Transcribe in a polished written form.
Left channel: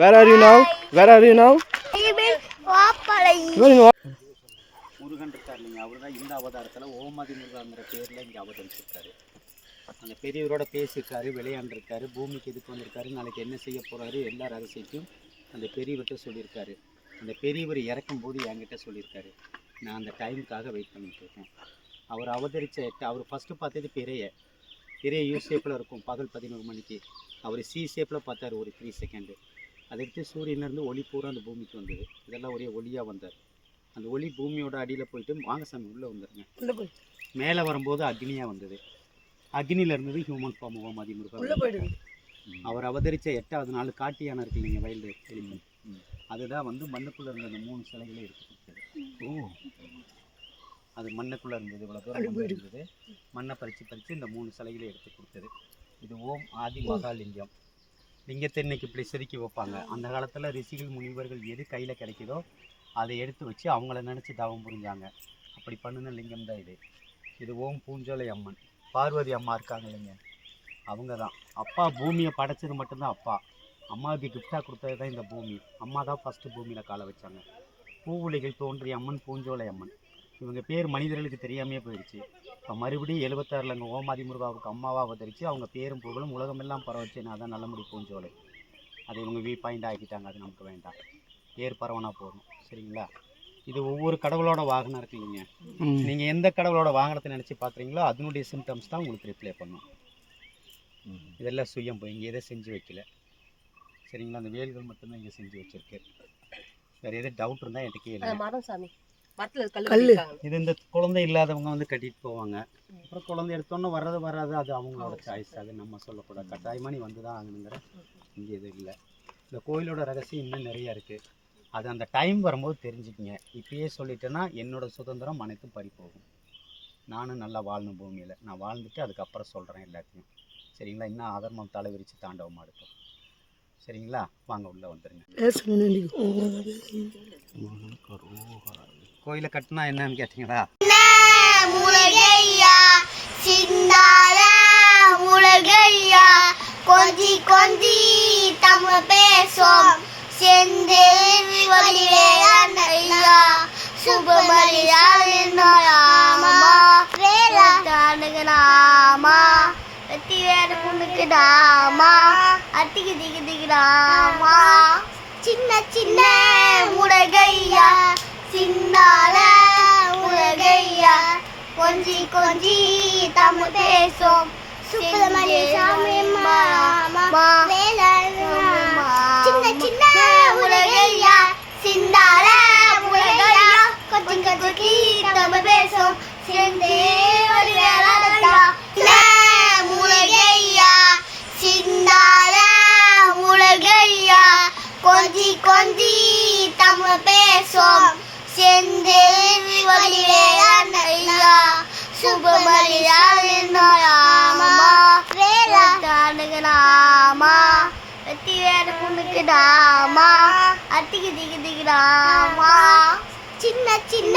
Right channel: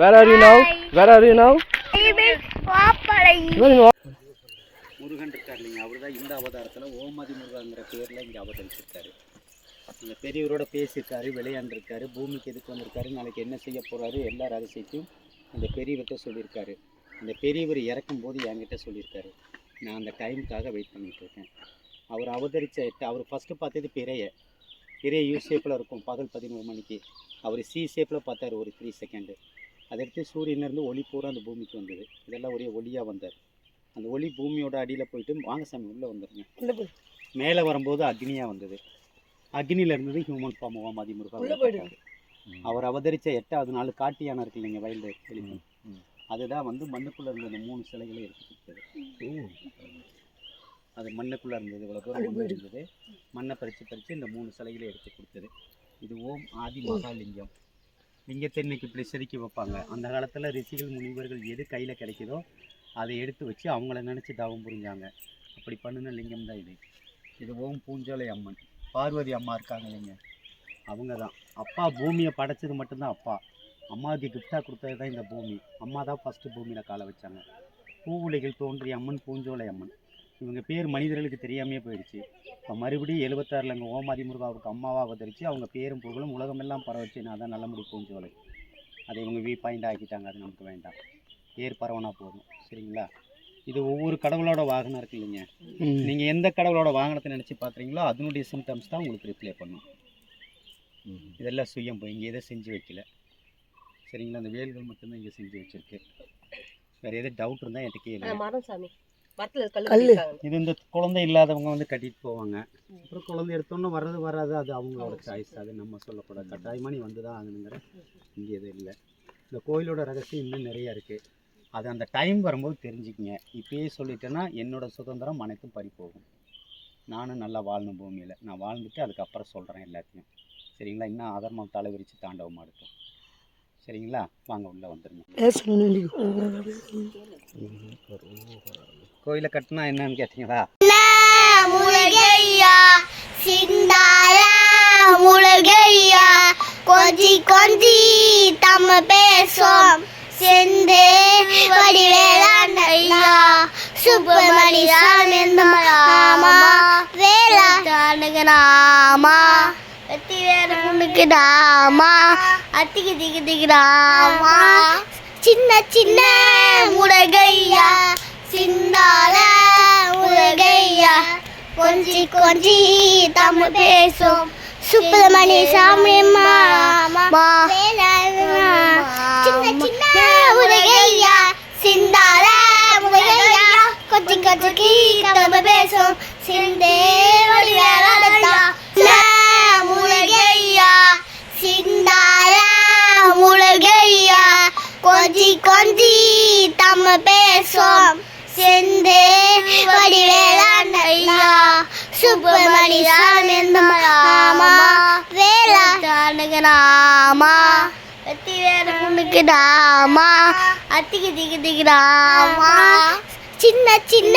Where are you now? Where are you now? Murugan இருக்கார் இல்லைங்க, அவர் தான் இந்த அவதாரத்தில் ஓமாதி முருகாங்கிற பேரில் இங்கே அவதரிச்சிருக்காரு. அந்த பெரியவரோட பேசியிருக்காரு, விளையாண்டுருக்காரு, பூமிக்கு எதுக்கு வந்திருக்காரு, நாளைக்கு என்ன செய்ய போகிறாரு, எல்லா ரகசியத்தையும் அந்த பெரியவர்கிட்ட சொல்லியிருக்காரு. அந்த பெரியவர் இறக்கும்போது என்கிட்ட சொல்லியிருக்காரு. நான் அந்த டைமுக்காக வெயிட் பண்ணிகிட்டு இருக்கேன். அவர் அவர் ஃபஸ்ட்டு பார்த்தது பிறைய யூ ஷேப்பில் இருக்கும் பகல் 11 மணிக்கு. அவர் சி ஷேப்பில் பார்த்தார் ஒரு 3 செகண்டு. அதை எடுத்து சூரியனிலேருந்து ஒளி பூரா அந்த பூமிக்கு வந்தது. இதெல்லாம் ஒரே ஒளியாக வந்தார். அந்த ஒளி பூமியோட அடியில் போயிட்டு வாங்க சாமி உள்ளே வந்துடுங்க. மேலே வரும்போது அக்னியாக வந்தது. அக்னியில் இருந்தது ஹியூமன் ஃபார்ம் ஓமாதி முருகன். அவர் அவதரித்த 8வது நாள் காட்டு யானை இருக்கு இல்லைங்க, வைல்டு எலிமெண்ட், அதுதான் வந்து மண்ணுக்குள்ளே இருந்த அந்த 3 சிலைகளை எடுத்து கொடுத்தது. அது மண்ணுக்குள்ளே இருந்தது, இவ்வளோ தூரம் இருந்தது. மண்ணை பறித்து இந்த 3 சிலைகளை எடுத்து கொடுத்தது. இது ஓம் ஆதி மகாலிங்கம். லிங்கத்தை இன்னைக்கு இப்படி செதுக்கி வைப்பாங்க. அந்த காலத்தில் ரிஷிகள் முனிவர்கள் எது கையில் கிடைக்குதோ அதை எடுத்து வச்சு அவங்கள நினச்சி தவம் புரிஞ்சாங்க. அப்படி பண்ணின லிங்கம் தான் இது. இது ஓம் பூஞ்சோலை அம்மன். பார்வதி அம்மா இருக்காங்க இல்லைங்க, அவங்க தான். அப்பா பூமியை படைச்சது மட்டும்தான் அப்பா. அம்மாவுக்கு கிஃப்டாக கொடுத்தது தான் இந்த பூமி. அம்மா தான் ஃபஸ்ட்டு பூமியில் காலை வச்சாங்க. பூவுலைகள் தோன்றிய அம்மன் பூஞ்சோலை அம்மன். இவங்க பேர் மனிதர்களுக்கு தெரியாமே போயிடுச்சு. இப்போ மறுபடியும் 76ல் அங்கே ஓமாதி முருகாவுக்கு அம்மாவாக அவதரித்து அவங்க பேரும் புகழும் உலகமெல்லாம் பரவச்சு. நான் தான் நல்லமுடி பூஞ்சோலை. அதை இவங்க வியூ பாயிண்ட் ஆக்கிட்டாங்க. அது நமக்கு வேண்டாம், பேர் பரவனா போதும். சரிங்களா? இது ஒவ்வொரு கடவுளோட வாகனம் இருக்கு இல்லைங்க, நீங்கள் எந்த கடவுளோட வாகனத்தை நினச்சி பார்க்குறீங்களோ அதனுடைய சிம்டம்ஸ் தான் உங்களுக்கு ரிப்ளை பண்ணும். இதெல்லாம் சுயம் போய் இங்கே எதை செஞ்சு வைக்கல. சரிங்களா? அந்த வேல்கள் மட்டும்தான் இங்கே செஞ்சு வச்சுருக்கு. வேறு எதாவது டவுட் இருந்தால் என்கிட்ட கேளு. இது இந்த குழந்தை இல்லாதவங்க வந்து கட்டிட்டு போவாங்க. அப்புறம் குழந்தை எடுத்தோன்னே வராது, அது அவங்களோட சாய்ஸ். அது நம்ம சொல்லக்கூடாது. கட்டாயமாக நீ வந்து தான் ஆகணுங்கிற இங்கே எதுவும் இல்லை. இந்த கோயிலோட ரகசியம் இன்னும் நிறையா இருக்குது. அது அந்த டைம் வரும்போது தெரிஞ்சுக்கிங்க. இப்பயே சொல்லிட்டேன்னா என்னோடய சுதந்திரம் அனைத்தும் பறி போகும். நானும் நல்லா வாழணும் பூமியில். நான் வாழ்ந்துட்டு அதுக்கப்புறம் சொல்கிறேன் எல்லாத்தையும். சரிங்களா? இன்னும் அதர்மம் தலைவிரித்து தாண்டவமாக இருக்கும். சரிங்களா? வாங்க உள்ளே வந்துடுங்க. கோயிலை கட்டினா என்னன்னு கேட்டீங்களா? கொஞ்சி கொஞ்சி தமிழ் பேசும் செந்து வடிவேலையா சுப்பிரமணி சாமிமா வேளாண்மைக்கு நாமா வெட்டிவேலுக்கு நாமா அத்திக்கு திக்கு திக்கு நாமா சின்ன சின்ன முருகையா சின்னால முருகையா கொஞ்சி கொஞ்சி தமிழ் பேசும் சுப்பிரமணி சாமிமா சின்ன சின்ன முருகையா சின்னால முருகையா கொஞ்சி கொஞ்சி தமிழ் பேசும் செந்தே வடிவேலையா முருகையா சின்னால முருகையா கொஞ்சி கொஞ்சி தமிழ் பேசும் செந்தே வடிவேலையா சுப்பிரமணி சாமிமா வேளாண்மைக்கு நாமா வெட்டிவேலுக்கு நாமா அத்திக்கு திக்கு திக்கு நாமா சின்ன சின்ன